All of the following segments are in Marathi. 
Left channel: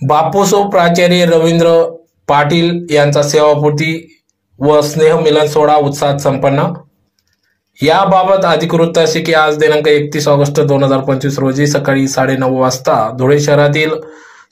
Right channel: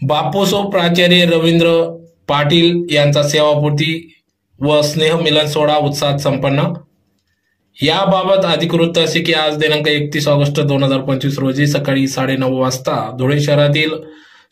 बापूसो प्राचार्य रवींद्र पाटील यांचा सेवापूर्ती व स्नेहमिलन सोहळा उत्साहात संपन्न। याबाबत अधिकृत असे की आज दिनांक 31 ऑगस्ट 2025 रोजी सकाळी 9:30 वाजता धुळे शहरातील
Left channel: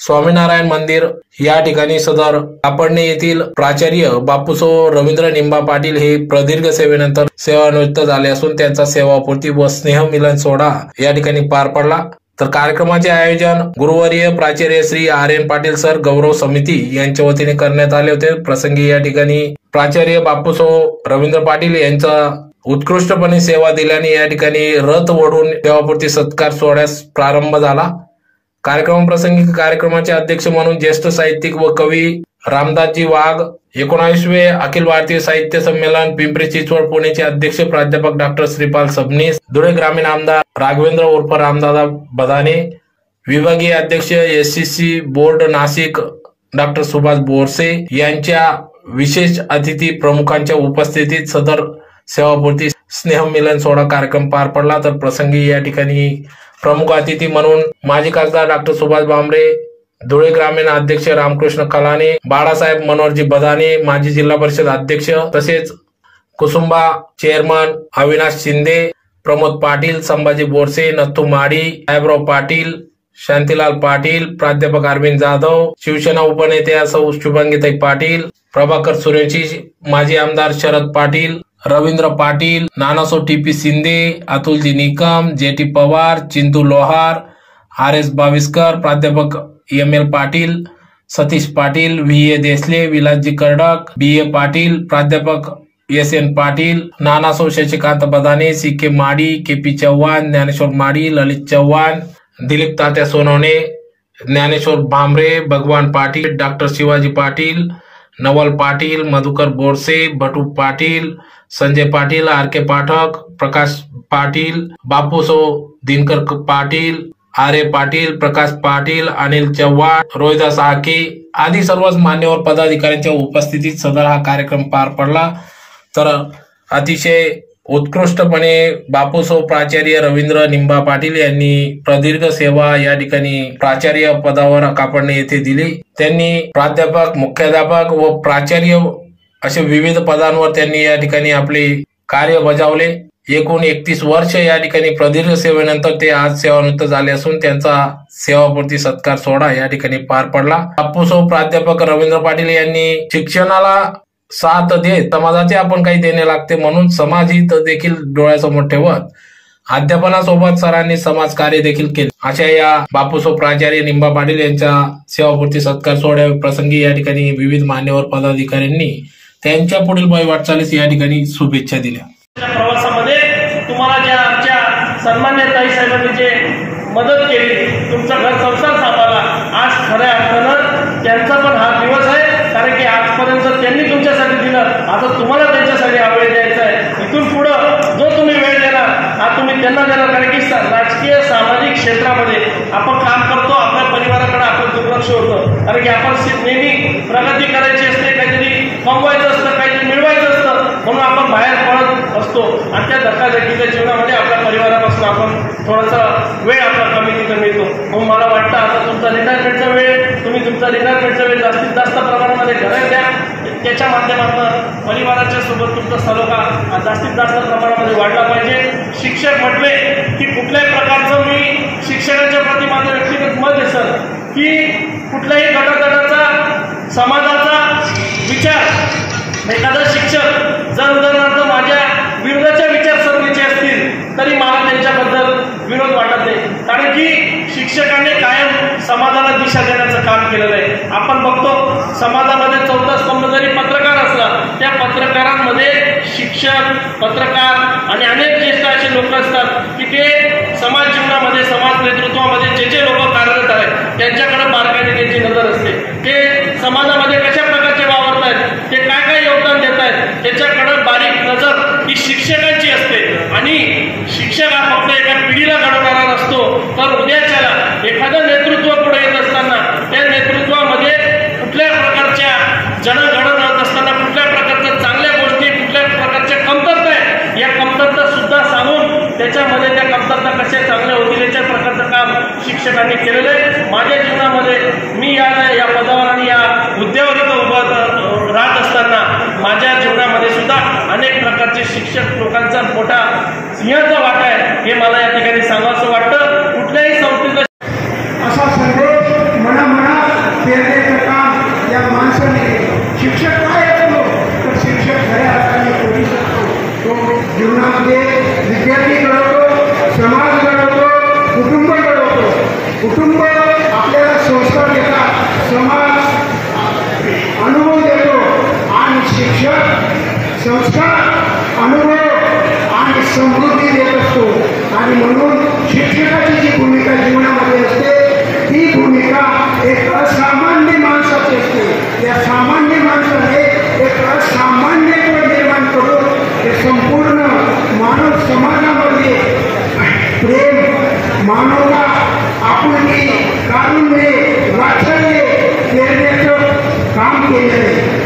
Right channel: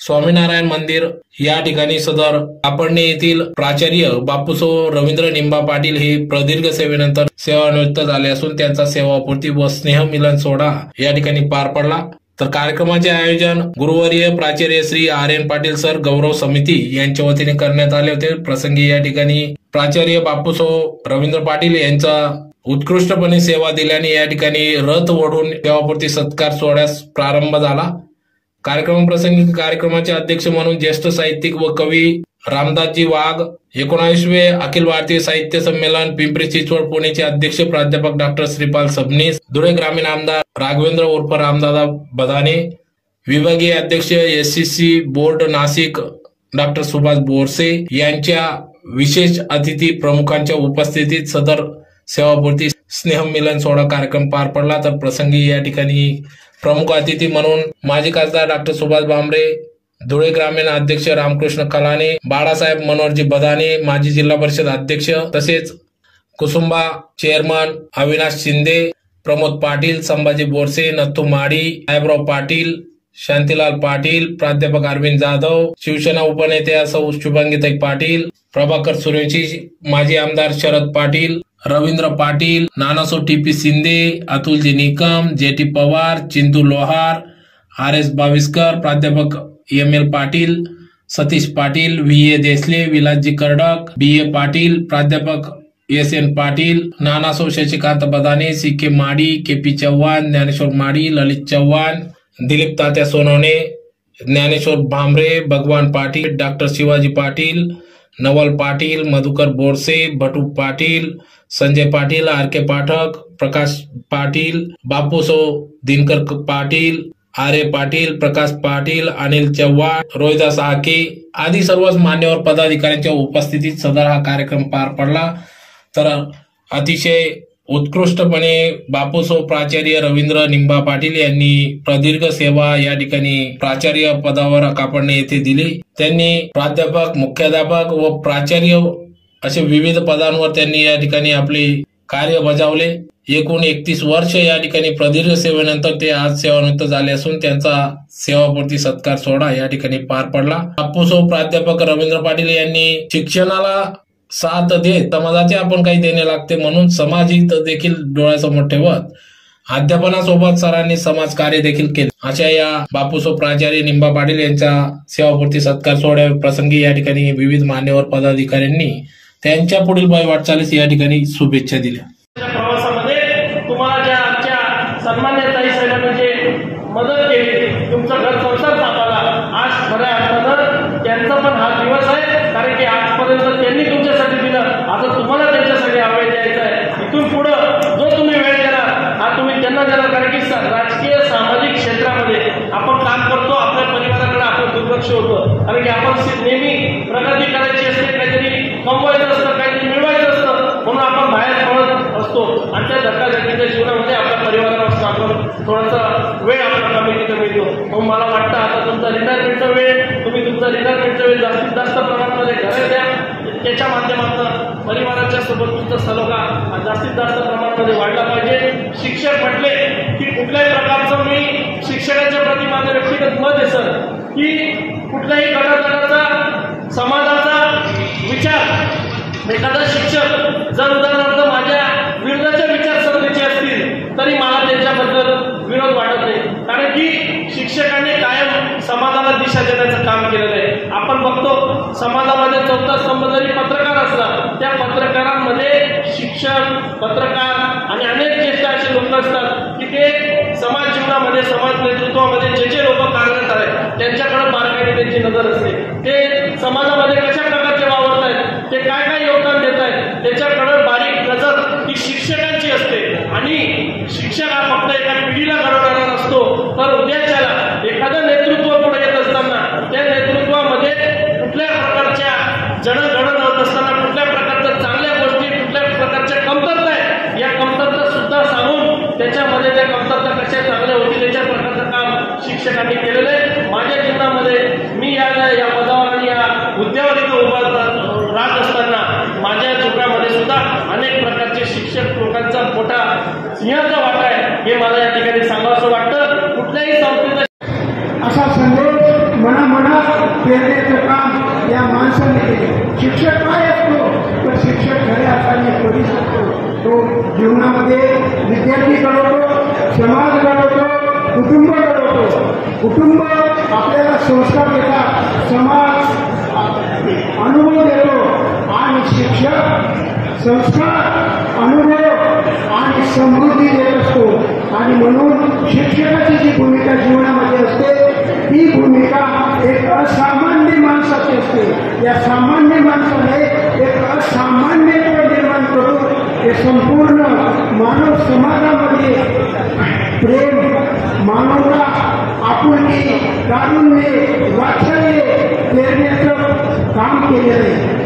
स्वामीनारायण मंदिर या ठिकाणी सदर कापडणे येथील प्राचार्य बापूसो रवींद्र निंबा पाटील हे प्रदीर्घ सेवेनंतर सेवानिवृत्त झाले असून त्यांचा सेवापूर्ती व स्नेहमिलन सोहळा या ठिकाणी पार पडला। तर कार्यक्रमाचे आयोजन गुरुवर्य प्राचार्य श्री आर्यन पाटील सर गौरव समिती यांच्या वतीने करण्यात आले होते। प्रसंगी या ठिकाणी प्राचार्य बापूसो रवींद्र पाटील यांचा उत्कृष्टपणे सेवा दिल्याने या ठिकाणी रथ ओढून सेवापूर्ती सत्कार सोहळ्यास प्रारंभ झाला। कार्यक्रम प्रसंगी कार्यक्रमाचे अध्यक्ष म्हणून ज्येष्ठ साहित्यिक व कवी रामदासजी वाघ, 19वे अखिल भारतीय साहित्य संमेलन पिंपरी चिंचवड पुणेचे अध्यक्ष प्राध्यापक डॉक्टर श्रीपाल सबनीस, धुळे ग्रामीण आमदार राघवेंद्र उर्फ रामदादा बदाने, विभागीय अध्यक्ष SCC board Nashik doctor Subhash Borse यांच्या विशेष अतिथी प्रमुखांच्या उपस्थितीत सदर सेवापूर्ती स्नेहमिलन सोहळा कार्यक्रम पार पडला। तर प्रसंगी या ठिकाणी प्रमुख अतिथी म्हणून माजी खासदार डॉक्टर सुभाष भामरे, धुळे ग्रामीण अध्यक्ष रामकृष्ण कलाने, बाळासाहेब मनोहरजी बदाने माजी जिल्हा परिषद अध्यक्ष, तसेच कुसुंबा चेअरमन अविनाश शिंदे, प्रमोद पाटील, संभाजी बोरसे, नथू माडी, साहेबराव पाटील, शांतीलाल पाटील, प्राध्यापक अरविंद जाधव, शिवसेना उपनेत्या सौ शुभांगीताई पाटील, प्रभाकर सुरेशी, माजी आमदार शरद पाटील, रवींद्र पाटील, नानासो टीपी शिंदे, अतुलजी निकम, जेटी पवार, चिंतू लोहार, आर.एस. बाविस्कर, प्राध्यापक एम.एल. पाटील, सतीश पाटील, व्ही.ए. देसले, विलासजी कर्डक, बी.ए. पाटील, प्राध्यापक एस.एन. पाटील, नानासो शशिकांत बदाने, सी.के. माडी, के.पी. चव्हाण, ज्ञानेश्वर माडी, ललित चव्हाण, दिलीप तात्या सोनवणे, ज्ञानेश्वर भामरे, भगवान पाटील, डॉक्टर शिवाजी पाटील, नवल पाटील, मधुकर बोरसे, भटू पाटील, संजय पाटील, आर.के. पाठक, प्रकाश पाटील, बापूसो दिनकर पाटील, आर्य पाटील, प्रकाश पाटील, अनिल चव्हाण, रोहिदास आके आदी सर्वच मान्यवर पदाधिकाऱ्यांच्या उपस्थितीत सदर हा कार्यक्रम पार पडला। तर अतिशय उत्कृष्टपणे बापूसो प्राचार्य रवींद्र निंबा पाटील यांनी प्रदीर्घ सेवा या ठिकाणी प्राचार्य पदावर कापडणे येथे दिली। त्यांनी प्राध्यापक, मुख्याध्यापक व प्राचार्य असे विविध पदांवर त्यांनी या ठिकाणी आपले कार्य बजावले। एकूण 31 वर्ष या ठिकाणी प्रदीर्घ सेवेनंतर ते आज सेवानिवृत्त झाले असून त्यांचा सेवापूर्ती सत्कार सोहळा या ठिकाणी पार पडला। बापूसो प्राध्यापक रवींद्र पाटील यांनी शिक्षणाला साथ देत समाजाचे आपण काही देणे लागते म्हणून समाजहित देखील डोळ्यासमोर ठेवत अध्यापनासोबत सरांनी समाजकार्य देखील केले। अशा या बापूसो प्राचार्य निंबा पाटील यांच्या सेवापूर्ती सत्कार सोहळ्या प्रसंगी या ठिकाणी विविध मान्यवर पदाधिकाऱ्यांनी त्यांच्या पुढील वाटचालीस या ठिकाणी शुभेच्छा दिल्या। प्रवासामध्ये तुम्हाला ज्या आमच्या सन्मान्य ताई साहेबांनी जे मदत केली, तुमचं घर संसार सांभाळला, आज खऱ्या अर्थानं त्यांचा पण हा दिवस आहे, कारण की आजपर्यंत त्यांनी तुमच्यासाठी दिलं, आता तुम्हाला त्यांच्यासाठी हा वेळ द्यायचा आहे। इथून पुढं जो तुम्ही वेळ देणार हा तुम्ही त्यांना देणार, कारण की राजकीय सामाजिक क्षेत्रामध्ये आपण काम करतो, आपल्या परिवाराकडे आपण दुर्लक्ष होतं, कारण की आपण नेहमी प्रगती करायची असते, काहीतरी कमवायचं असतं, काहीतरी मिळवायचं असतं, म्हणून आपण बाहेर पडत असतो आणि त्या धक्काधक्कीच्या जीवनामध्ये आपल्या परिवारापासून आपण थोडासा वेळ आपला कमी मिळतो। म्हणून मला वाटतं आता तुमचा रिटायरमेंटचा वेळ, तुम्ही तुमचा रिटायरमेंटचा वेळ जास्तीत जास्त प्रमाणामध्ये घरात द्या, त्याच्या माध्यमातून परिवाराच्या सोबत तुमचा सलोखा जास्तीत जास्त प्रमाणामध्ये वाढला पाहिजे। शिक्षक म्हटले की कुठल्याही प्रकारचं मी शिक्षणाच्या प्रति माझं व्यक्तिगत मत आहे सर, की कुठल्याही गटातटाचा समाजाचा विचार एखादा शिक्षक जर उदाहरणार्थ माझ्या विरोधाच्या विचारसरणीचे असतील तरी मला त्यांच्याबद्दल विरोध वाटत नाही, कारण की शिक्षकाने कायम समाजाला दिशा देण्याचं काम केलेलं आहे। आपण बघतो समाजामध्ये चौथा स्तंभ जरी पत्रकार असला, त्या पत्रकारांमध्ये शिक्षक, पत्रकार आणि अनेक ज्येष्ठ असे लोक असतात की ते समाज जीवनामध्ये, समाज नेतृत्वामध्ये जे लोक कार्यरत आहेत त्यांच्याकडे बारकाईने त्यांची नजर असते, ते समाजामध्ये कशा प्रकारचे वावरत आहेत, ते काय काय योगदान देत आहेत, त्याच्याकडे बारीक नजर ही शिक्षकांची असते। आणि शिक्षक हा फक्त एका पिढीला घडवणारा नसतो, तर उद्याच्याला एखादं नेतृत्व पुढे येत असताना त्या नेतृत्वामध्ये कुठल्या प्रकारच्या जडघडण होत असताना कुठल्या प्रकारच्या चांगल्या गोष्टी, कुठल्या प्रकारच्या कमतरता आहेत, या कमतरता सुद्धा सांगून त्याच्यामध्ये त्या कमतरता कशा चांगल्या होतील याच्या प्रकारचं काम शिक्षकांनी केलेलं आहे। माझ्या जीवनामध्ये मी या कुटुंब आपल्याला संस्कार देतात, समाज अनुभव देतो आणि शिक्षक संस्कार, अनुभव आणि समृद्धी देत असतो. आणि म्हणून शिक्षकाची जी भूमिका जीवनामध्ये असते ती भूमिका एक असामान्य माणसाची असते. या सामान्य माणसाने एक असामान्य निर्माण करून हे संपूर्ण मानव समाजामध्ये प्रेम, मानवता, आपुलकी, कारुण्य, वात्सल्य पेरण्याचं काम केलेलं आहे.